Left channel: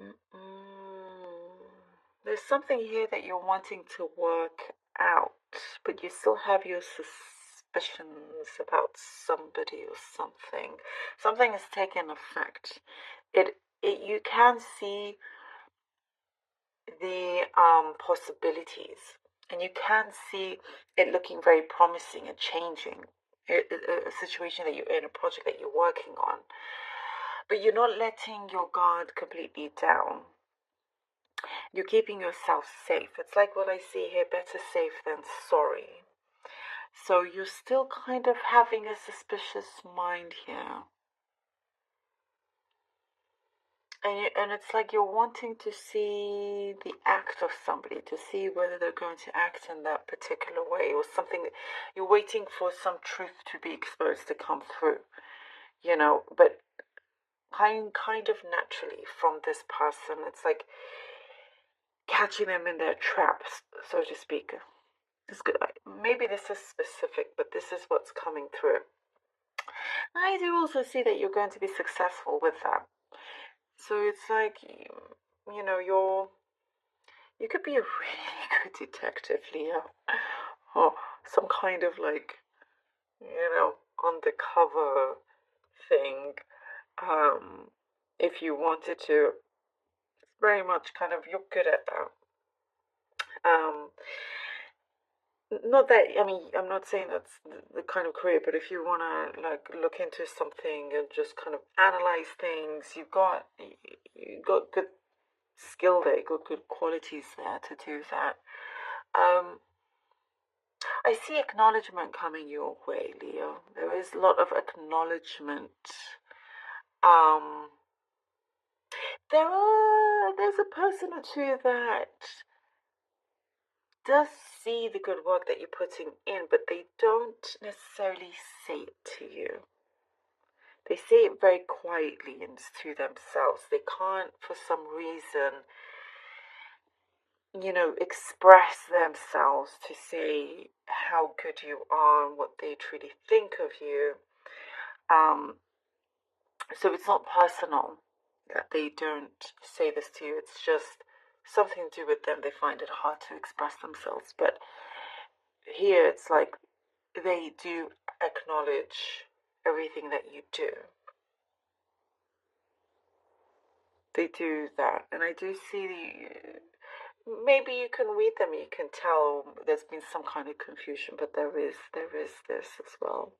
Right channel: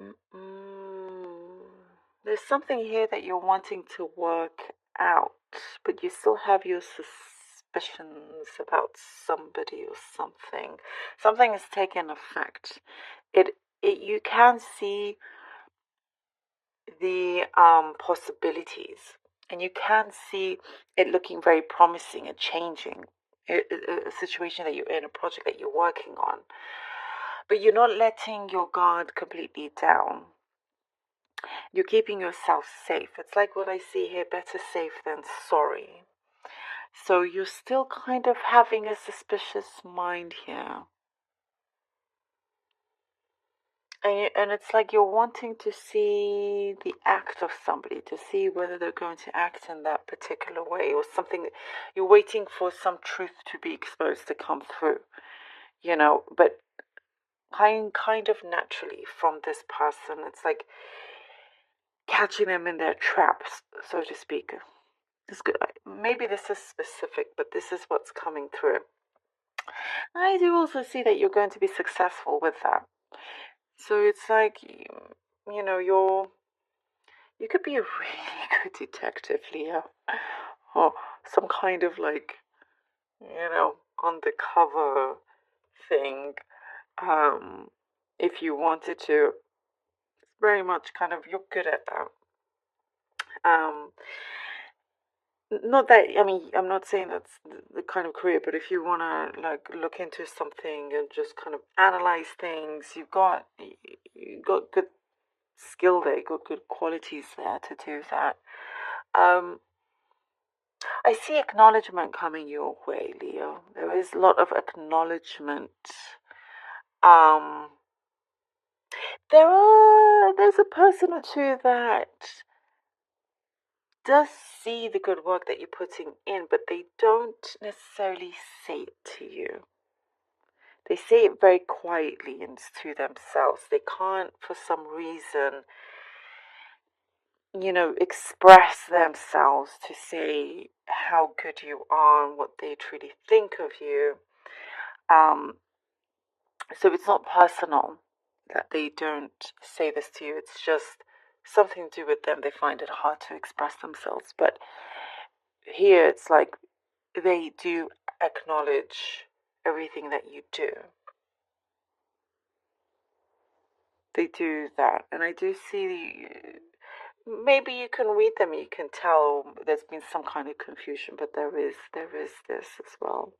Mm-mm. There's something here that you're wanting to work out, but you still have your suspicions about somebody or something. Something has taken effect. It you can see the possibilities, and you can see it looking very promising and changing. A situation that you're in, a project that you're working on, but you're not letting your guard completely down. You're keeping yourself safe. It's like what I see here, better safe than sorry. So you're still kind of having a suspicious mind here. And it's like you're wanting to see the act of somebody, to see whether they're going to act in that particular way or something. You're waiting for some truth to be exposed to come through, but kind of naturally from this person. It's like catching them in their traps, so to speak. This good. Maybe this is specific, but this is what's coming through. I do also see that you're going to be successful with that. So it's like, you could be a really good detective, Leah, or some kind of like, undercover thing. Um, if you wanted to, it's very much kind of you're good at that. Um, Not that, I mean, I'm not saying that's the kind of career, but if you want to like look into something and just kind of analyze things, you got good skill there, you got good qualities there to do that. Um, I see acknowledgement coming your way, Leo. There is a lot of acknowledgement. Um, there's a person or two that does see the good work that you're putting in, but they don't necessarily say it to you. They say it very quietly and to themselves. They can't, for some reason, express themselves to say how good you are and what they truly think of you. Um, so it's not personal that they don't say this to you. It's just something to do with them. They find it hard to express themselves. But here it's like they do acknowledge everything that you do. They do that. And I do see maybe you can read them, you can tell there's been some kind of confusion, but there is this as well.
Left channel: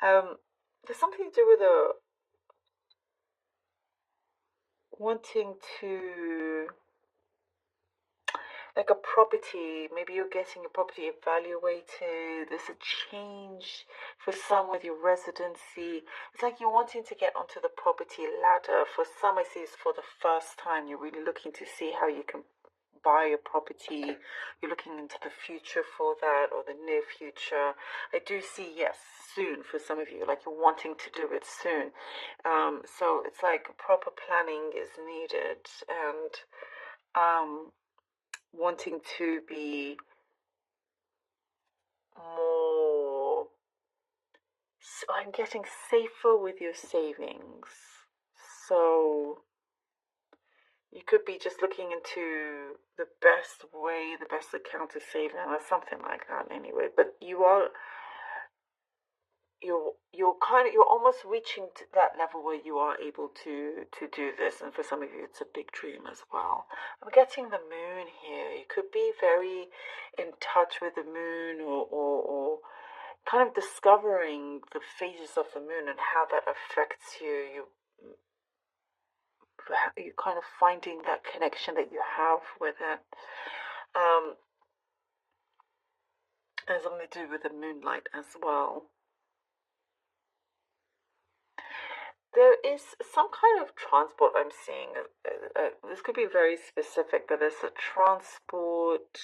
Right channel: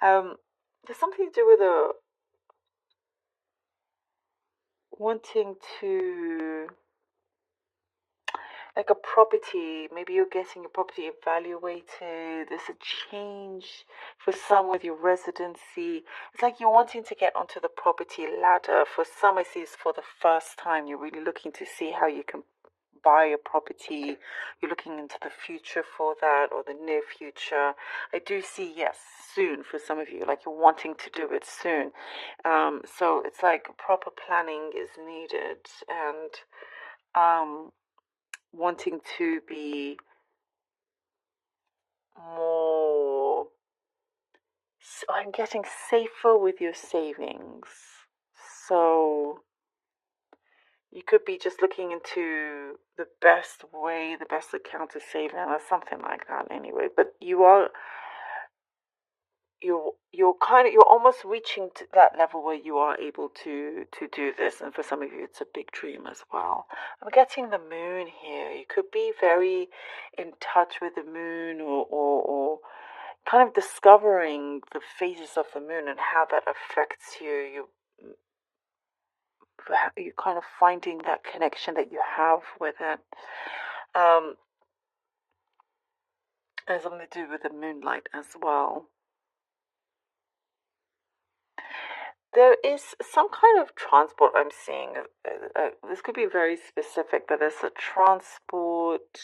There's something to do with a wanting to like a property. Maybe you're getting a property evaluated. There's a change for some with your residency. It's like you're wanting to get onto the property ladder. For some, I see it's for the first time. You're really looking to see how you can buy a property. You're looking into the future for that or the near future. I do see, yes, soon for some of you, like you're wanting to do it soon. So it's like proper planning is needed and wanting to be more, I'm getting safer with your savings. So you could be just looking into the best way, the best account to save in, or something like that. Anyway, but you're almost reaching to that level where you are able to do this, and for some of you, it's a big dream as well. I'm getting the moon here. You could be very in touch with the moon, or kind of discovering the phases of the moon and how that affects you. You kind of finding that connection that you have with it. Um, and something to do with the moonlight as well. There is some kind of transport I'm seeing. This could be very specific, but there's a transport,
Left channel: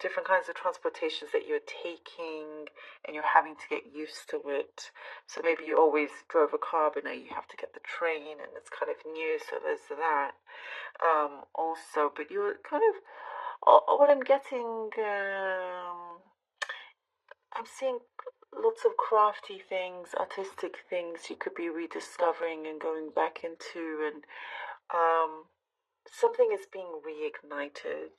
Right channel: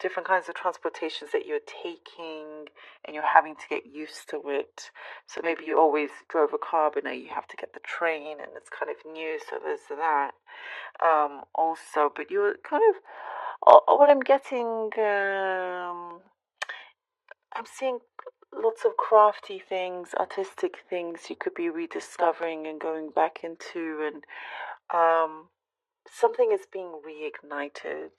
different kinds of transportations that you're taking and you're having to get used to it. So maybe you always drove a car, but now you have to get the train and it's kind of new, so there's that. Also, but you're kind of, what I'm getting, I'm seeing lots of crafty things, artistic things you could be rediscovering and going back into, and something is being reignited.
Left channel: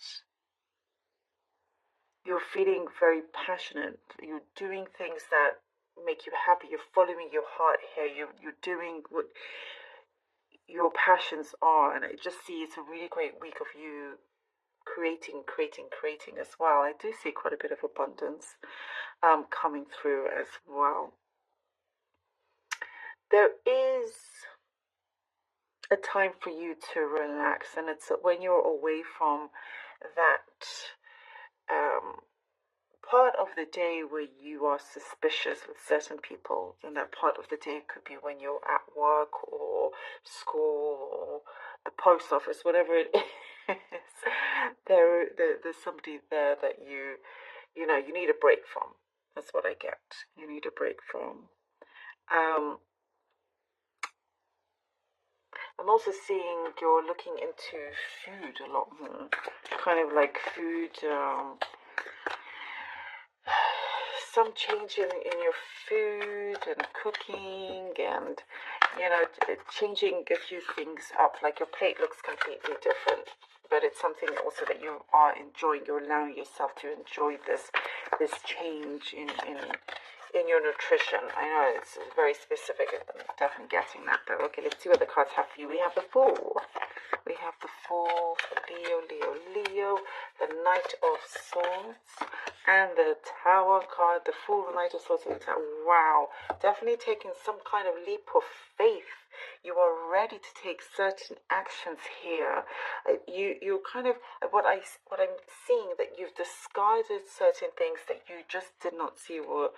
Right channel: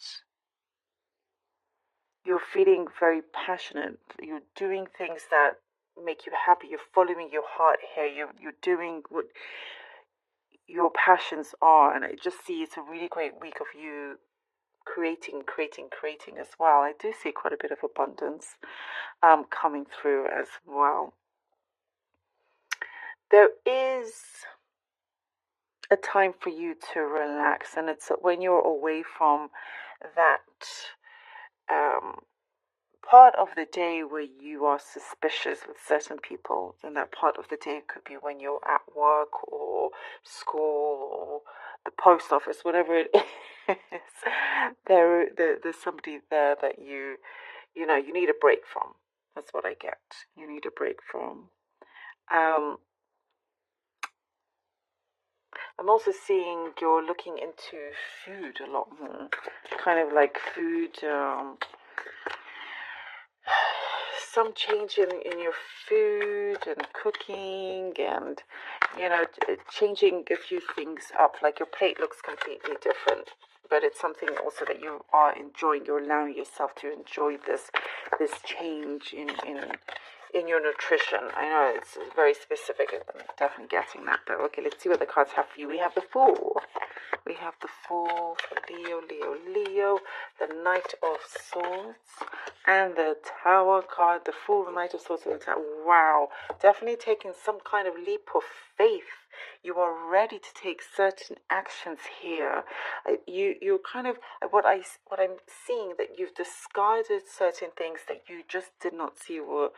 You're feeling very passionate. You're doing things that make you happy. You're following your heart here. You're doing what your passions are, and I just see it's a really great week of you creating as well. I do see quite a bit of abundance coming through as well. There is a time for you to relax, and it's when you're away from that part of the day where you are suspicious with certain people. And that part of the day could be when you're at work or school or the post office, whatever it is. There's somebody there that you know you need a break from. That's what I get. You need a break from. um I'm also seeing you're looking into food a lot more, kind of like food, some change in your food and cooking, and changing a few things up. Like your plate looks completely different, but it's something also that you are enjoying. You're allowing yourself to enjoy this change in your nutrition. I know it's very specific. I'm definitely getting that, but okay, let's see what the cards have for you. We have the Fool. We have the Fool for Leo, the Knight of Swords, and the Tower card. The Fool, the Knight of Swords, and the Tower. Wow, definitely taking some kind of leap of faith. You are ready to take certain actions here. You're kind of what I'm seeing, that you've discarded certain things that you just did not see were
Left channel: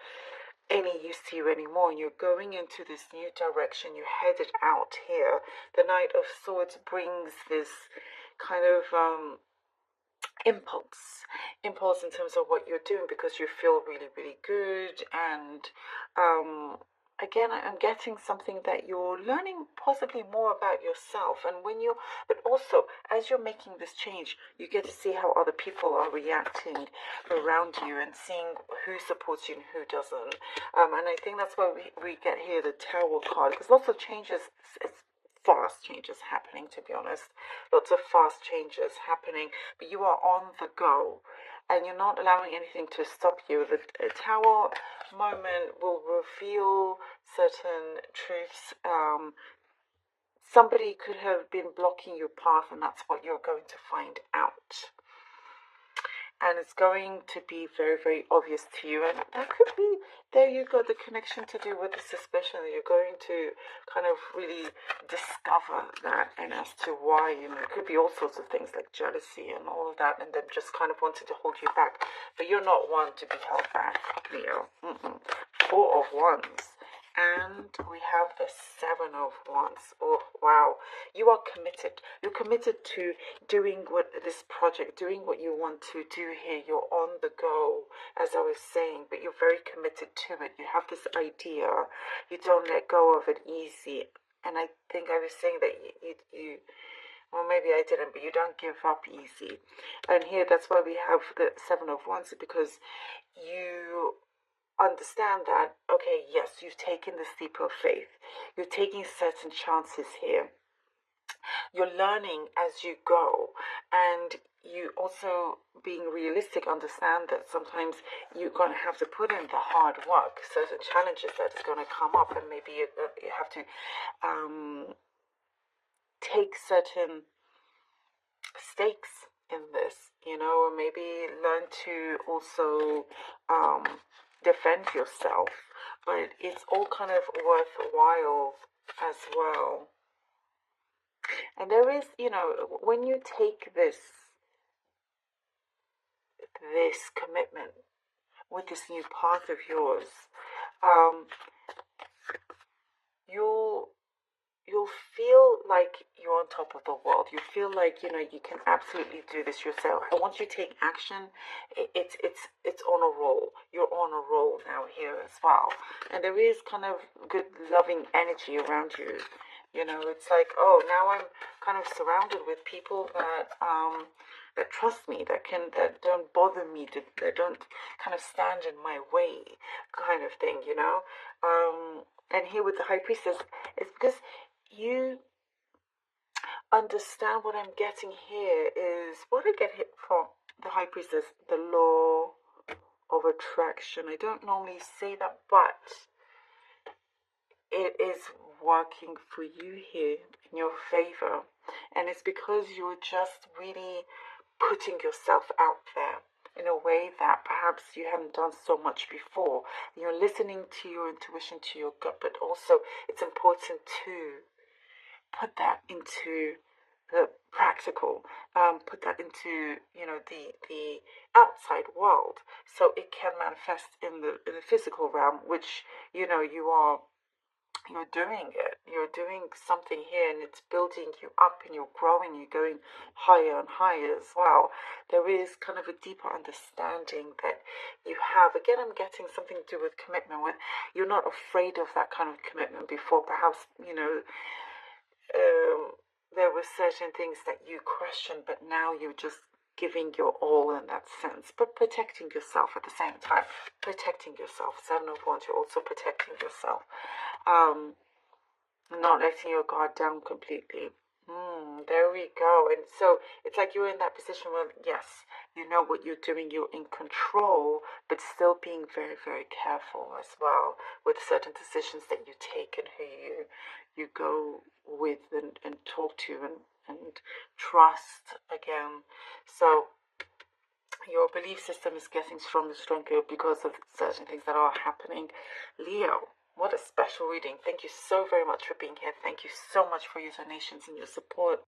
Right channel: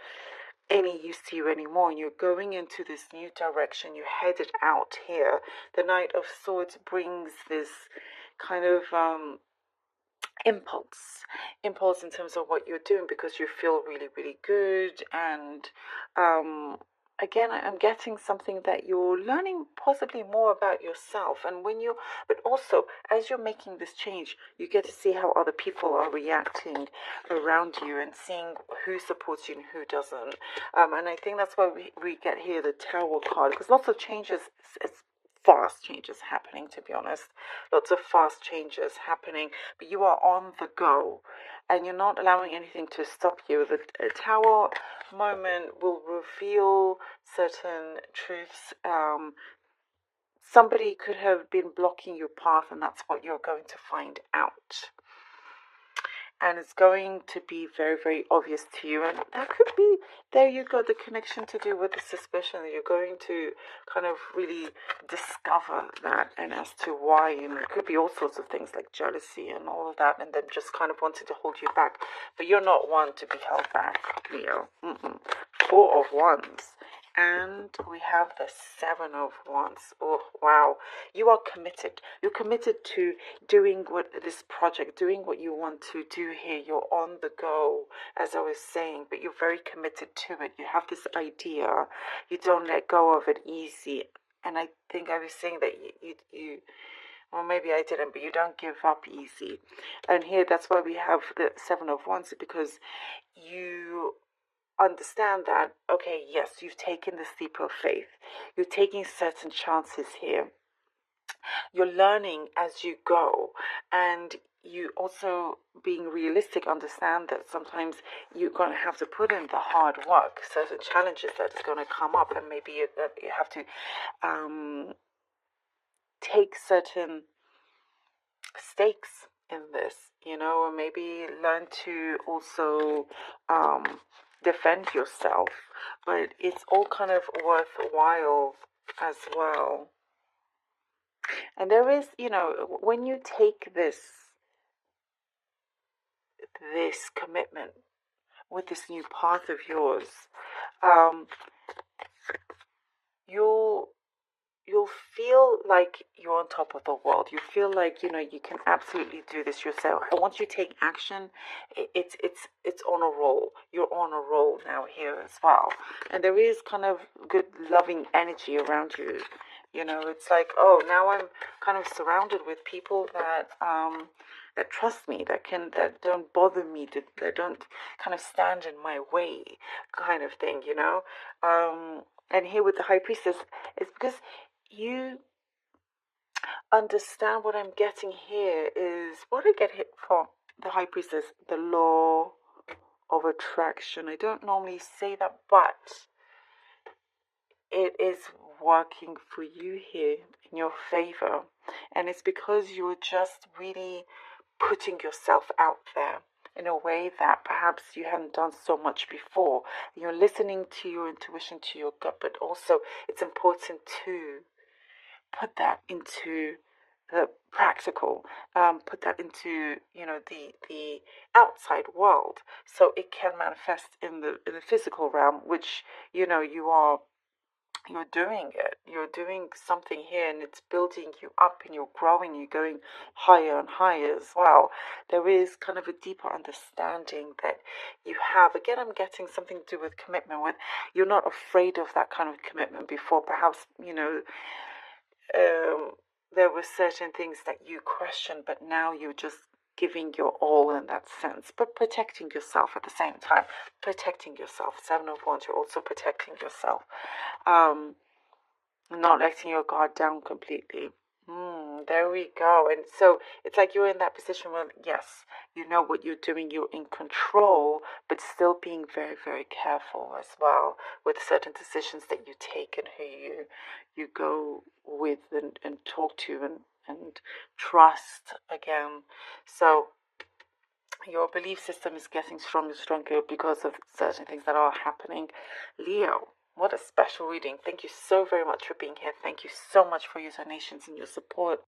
any use to you anymore, and you're going into this new direction. You're headed out here. The Knight of Swords brings this kind of impulse in terms of what you're doing, because you feel really good. And again, I'm getting something that you're learning possibly more about yourself. And but also as you're making this change, you get to see how other people are reacting around you, and seeing who supports you and who doesn't. And I think that's why we get here the Tower card, because lots of changes, it's fast changes happening, to be honest. Lots of fast changes happening, but you are on the go, and you're not allowing anything to stop you. The Tower moment will reveal certain truths. Somebody could have been blocking your path, and that's what you're going to find out. And it's going to be very obvious to you. And that could be, there you go, the connection to do with the suspicion, that you're going to kind of really discover that, and as to why. And it could be all sorts of things like jealousy and all of that, and them just kind of wanting to hold you back. But you're not one to be held back, Leo. Four of Wands. And we have the Seven of Wands. Oh, wow. You are committed. You're committed to doing this project, doing what you want to do here. You're on the go, as I was saying, but you're very committed to it. You have this idea. You don't let go of it easy. And I think I was saying that you well, maybe I didn't, but you don't give up easy. And here, that's why we have the Seven of Wands, because you understand that, okay, yes, you've taken the leap of faith. You're taking certain chances here. You're learning as you go, and you also, being realistic, understand that sometimes you're going to have to put in the hard work. Certain challenges that is going to come up, and maybe you have to take certain stakes in this, or maybe learn to also defend yourself. But it's all kind of worthwhile as well. And there is, when you take this commitment with this new path of yours, you'll feel like you're on top of the world. You feel like you can absolutely do this yourself. And once you take action, it's on a roll. You're on a roll now here as well. And there is kind of good loving energy around you. It's like, oh, now I'm kind of surrounded with people that trust me, that don't bother me, that don't kind of stand in my way, kind of thing. And here with the High Priestess, it's because you understand what I'm getting here is what I get hit from the High Priestess, the law of attraction. I don't normally say that, but it is working for you here in your favor. And it's because you're just really putting yourself out there in a way that perhaps you hadn't done so much before. You're listening to your intuition, to your gut, but also it's important to put that into the practical, put that into the outside world, so it can manifest in the physical realm, which you're doing it. You're doing something here, and it's building you up, and you're growing. You're going higher and higher as well. There is kind of a deeper understanding that you have. Again, I'm getting something to do with commitment. With you're not afraid of that kind of commitment before. Perhaps there were certain things that you questioned, but now you're just giving your all in that sense, but protecting yourself at the same time. Protecting yourself. 7 of Wands, you're also protecting yourself. Not letting your guard down completely. There we go. And so it's like you're in that position where, yes, you know what you're doing, you're in control, but still being very, very careful as well with certain decisions that you take and who you go with and talk to and trust again. So your belief system is getting stronger and stronger because of certain things that are happening. Leo, what a special reading. Thank you so very much for being here. Thank you so much for your donations and your support.